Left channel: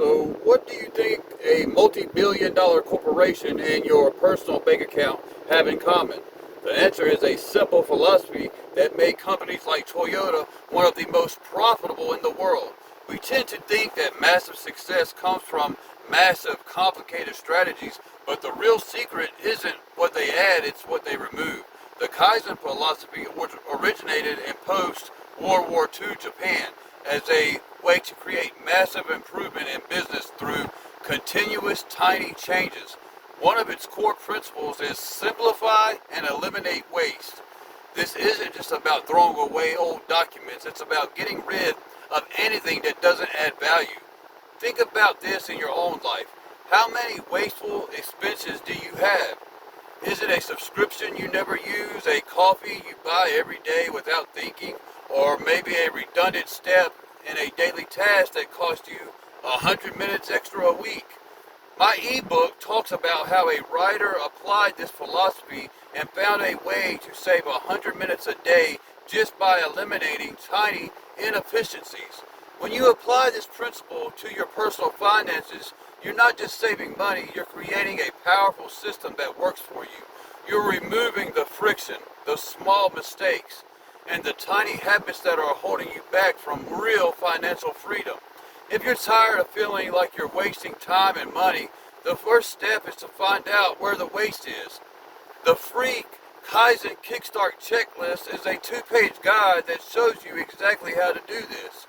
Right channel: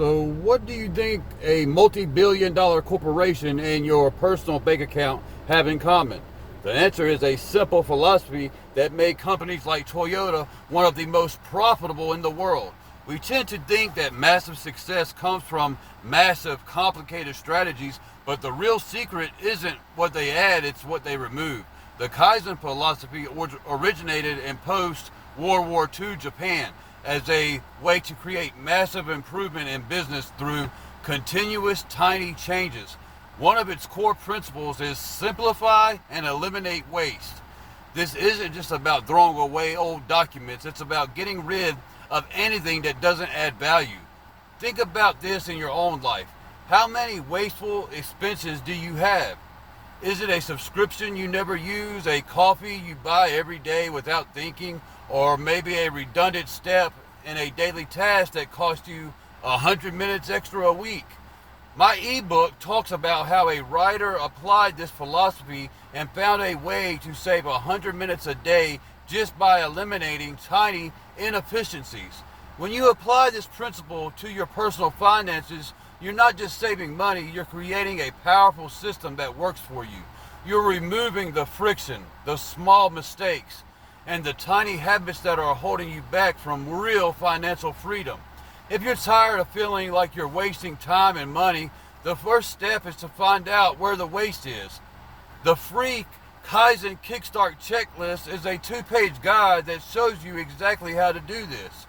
So, what do you think a multi-billion-dollar corporation and your personal bank account have in common? The answer is a simple philosophy that made companies like Toyota one of the most profitable in the world. We tend to think that massive success comes from massive, complicated strategies, but the real secret isn't what they add, it's what they remove. The Kaizen philosophy originated in post-World War II Japan as a way to create massive improvement in business through continuous tiny changes. One of its core principles is simplify and eliminate waste. This isn't just about throwing away old documents, it's about getting rid of anything that doesn't add value. Think about this in your own life. How many wasteful expenses do you have? Is it a subscription you never use, a coffee you buy every day without thinking, or maybe a redundant step in a daily task that costs you 100 minutes extra a week? My ebook talks about how a writer applied this philosophy and found a way to save 100 minutes a day just by eliminating tiny inefficiencies. When you apply this principle to your personal finances, you're not just saving money, you're creating a powerful system that works for you. You're removing the friction, the small mistakes, and the tiny habits that are holding you back from real financial freedom. If you're tired of feeling like you're wasting time and money, the first step is to find out where the waste is. The free Kaizen Kickstart Checklist is a 2-page guide that shows you exactly how to do this.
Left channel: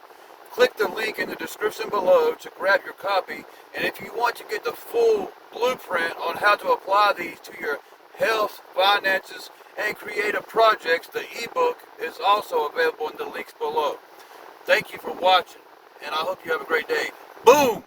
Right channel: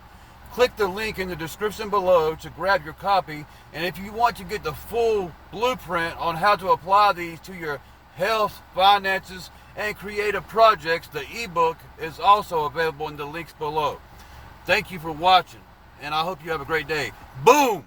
Click the link in the description below to grab your copy, and if you want to get the full blueprint on how to apply these to your health, finances, and creative projects, the ebook is also available in the links below. Thank you for watching, and I hope you have a great day. Boom!